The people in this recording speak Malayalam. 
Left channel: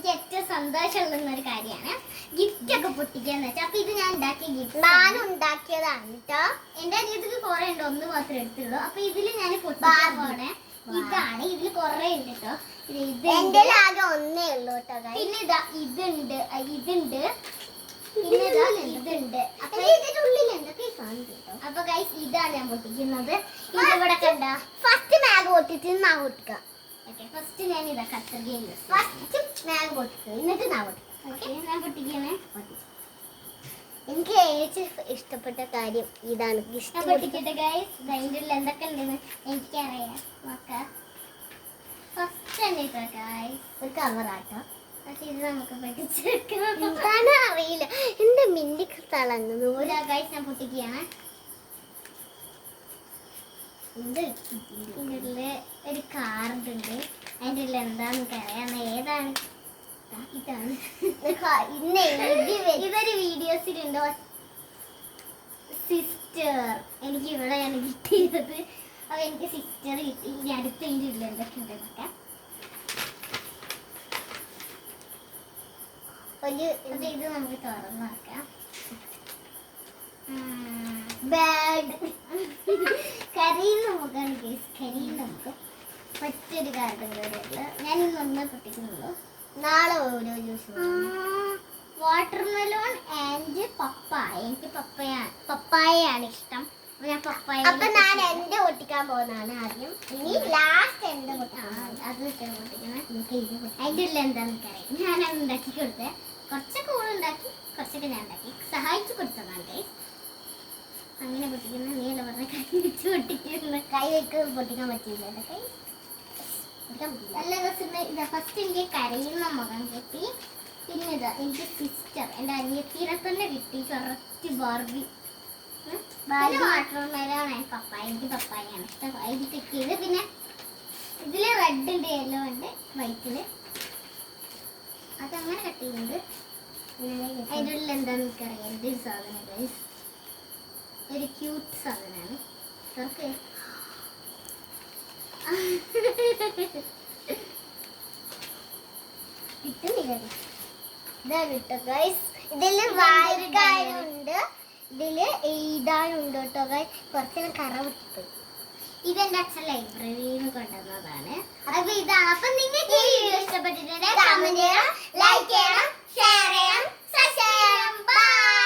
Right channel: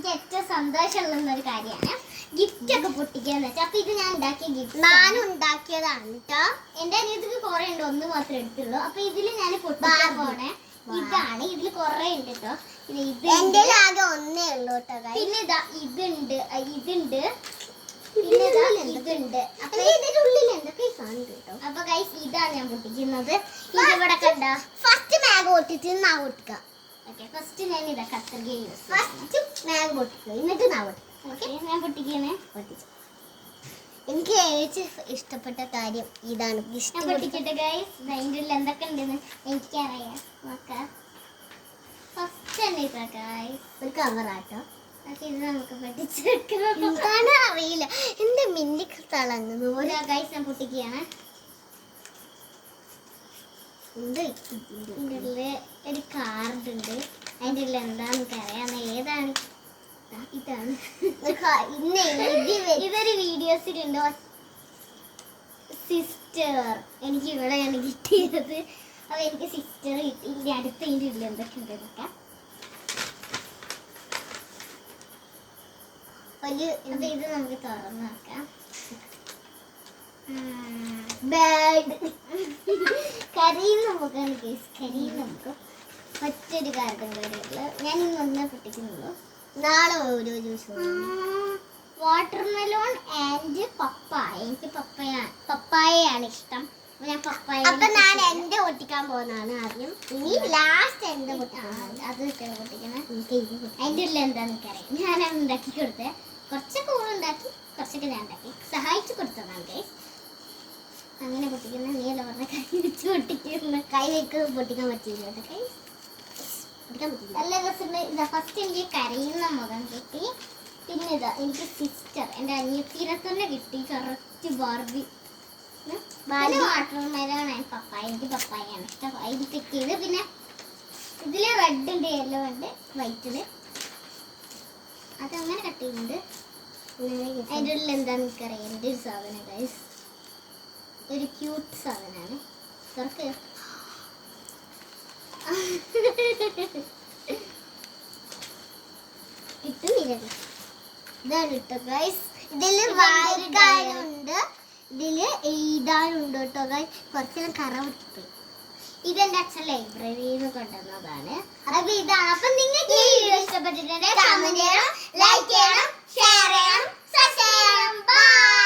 എനിക്ക് ഏറ്റവും സന്തോഷമുള്ള ഒരു കാര്യമാണ് ഗിഫ്റ്റ് ഒക്കെ പൊട്ടിക്കാന്ന് വെച്ചാൽ. അപ്പൊ ഇത് ഞാൻ ഉണ്ടാക്കിയ ഗിഫ്റ്റ് ഞാനും ഉണ്ടാക്കിയതാണ് കേട്ടോ. എന്റെ അനിയത്തിക്ക് കുറെ ഉണ്ട്, ഒന്ന് മാത്രമേ എടുത്തുള്ളൂ. അപ്പൊ ഇതില് ഞാൻ പൊട്ടിക്കാൻ പോണേ ഇതാണ്. ഇതില് കുറെ ഉണ്ട് കേട്ടോ. ഇത് എന്റെ ആകെ ഒന്നേ ഉള്ളൂ കേട്ടോ. പിന്നെ ഇതാ ഇതുണ്ട്, ഇതുണ്ട്, പിന്നെ ഇതുണ്ട്. അപ്പൊ ഇതിന്റെ ഉള്ളിൽ എന്തൊക്കെ സാധനം കേട്ടോ. അപ്പൊ ഗൈസ് ഇതാണ് ഞാൻ പൊട്ടിക്കുന്നത്. ഇതിവിടെ കണ്ട ഫസ്റ്റ് മാഗ് പൊട്ടിച്ച് നാ പൊട്ടിക്കാം. ഓക്കെ, ഫസ്റ്റ് ഞാൻ ഇതാ കത്രിക യൂസ്. ഫസ്റ്റ് മാഗ് പൊട്ടിക്കുക, എന്നിട്ട് നാ പൊട്ടിക്കാം. ഓക്കെ, ഞാൻ പൊട്ടിക്കണേ. പൊട്ടിച്ചു. എനിക്ക് ഏറ്റവും ഇഷ്ടപ്പെട്ട കാര്യം ഇതാണ്. ഇഷ്ടം പൊട്ടിക്കട്ടെ ഗൈസ്. അതിൻ്റെ ഉള്ളിൽ എന്തൊക്കെ ഉണ്ടെന്ന് എനിക്കറിയാം. നോക്കാം. ഫസ്റ്റ് തന്നെ ഇതാ ഗൈസ് ഒരു കവറാട്ടോ. ഇത് നമുക്ക് പൊട്ടിച്ചെടുക്കണം. എന്താണ് അറിയില്ല, എന്റെ മിന്നി തിളങ്ങുന്നു പോലെ. ഗൈസ് ഞാൻ പൊട്ടിക്കുകയാണ്. ഇതില് ഒരു കാർഡ് ഉണ്ട്. അതിൻ്റെ ഉള്ളിൽ എന്താണെന്ന് അറിയാം. ഏതാണ്? ഇതാണ്. ഇതൊരു വീഡിയോസിലുണ്ടോ സിസ്റ്റർ. എനിക്ക് ഇവിടെയാണ് കിട്ടിയത്. അപ്പൊ എനിക്ക് സിസ്റ്റർ കിട്ടി. ഇനി അടുത്ത ഇതിൻ്റെ ഉള്ളിൽ എന്തൊക്കെ ഉണ്ട് നോക്കാം. ഇത് നമുക്ക് തുറന്ന് നോക്കാം. ബാഡ് കരയിൽ നമുക്കാണ് കേസ്. കരയിൽ നമുക്ക് മറ്റൊരു കാർഡും കൂടെയുള്ളു. ഞാൻ ഇന്നൊന്നേ പൊട്ടിക്കുന്നുള്ളൂ. നാളെ ഓരോ ജ്യൂസ്. വാട്ടർമെലോൺ ആൻഡ് പപ്പായ. എനിക്ക് പപ്പായയാണ് ഇഷ്ടം. ഞാൻ പപ്പായ. അപ്പൊ ഞാൻ എന്റെ പൊട്ടിക്കാൻ പോകുന്നതാണ് ആദ്യം. ഇനി ലാസ്റ്റ് എന്റെ പൊട്ടിക്കണം. അത് പൊട്ടിക്കണം. അതിൻ്റെ ഉള്ളിൽ എന്താന്ന് അറിയാം. ഞാനത് ഉണ്ടാക്കി കൊടുത്തേ. കുറച്ചൊക്കെ ഉണ്ടാക്കി, കുറച്ചൊക്കെ ഞാൻ ഉണ്ടാക്കി സഹായിച്ചു കൊടുത്തതാണ്. അങ്ങനെ പൊട്ടിക്കുന്ന നീല പറഞ്ഞ കൈ വെച്ച് പൊട്ടിക്കുന്ന. കൈ വെക്ക് പൊട്ടിക്കാൻ പറ്റില്ല. കൈ പൊട്ടിക്കാൻ പറ്റില്ല. നല്ല രസം. ഫസ്റ്റ് എനിക്ക് കരയുന്ന മുഖം കിട്ടി. പിന്നെ ഇതാ എനിക്ക് സിസ്റ്റർ, എൻ്റെ അനിയത്തിനെ തന്നെ കിട്ടി. Correct Barbie. വാട്ടർമെലോൺ പപ്പായ. എനിക്ക് പപ്പായാണ് ഇഷ്ടം. ഇത് കിട്ടിയത്. പിന്നെ ഇതിൽ റെഡ് ഉണ്ട്, യെല്ലോ ഉണ്ട്, വൈറ്റില്. അതങ്ങനെ കട്ട് ചെയ്യുന്നുണ്ട്. അതിൻ്റെ ഉള്ളിൽ എന്താണെന്ന് എനിക്കറിയാം. എൻ്റെ ഒരു സാധനം ഗൈസ്, ഒരു ക്യൂട്ട് സാധനമാണ്. തുറക്ക്. കിട്ടുന്നില്ല. ഇതാണ് കേട്ടോ ഗൈസ്. ഇതില് വായിക്കാനുണ്ട്, ഇതില് എഴുതാനുണ്ട് കേട്ടോ ഗൈസ്. കുറച്ചെല്ലാം കറ വിട്ടുപോയി. ഇതെന്റെ അച്ഛൻ ലൈബ്രറിയിൽ നിന്ന് കൊണ്ടുവന്നതാണ്. അപ്പൊ ഇതാണ്. അപ്പൊ നിങ്ങൾക്ക് ഈ വീഡിയോ ഇഷ്ടപ്പെട്ടിട്ടുണ്ടെങ്കിൽ കമന്റ് ചെയ്യണം, ലൈക്ക് ചെയ്യണം, ഷെയർ ചെയ്യണം, സബ്സ്ക്രൈബ് ചെയ്യണം. ബൈ.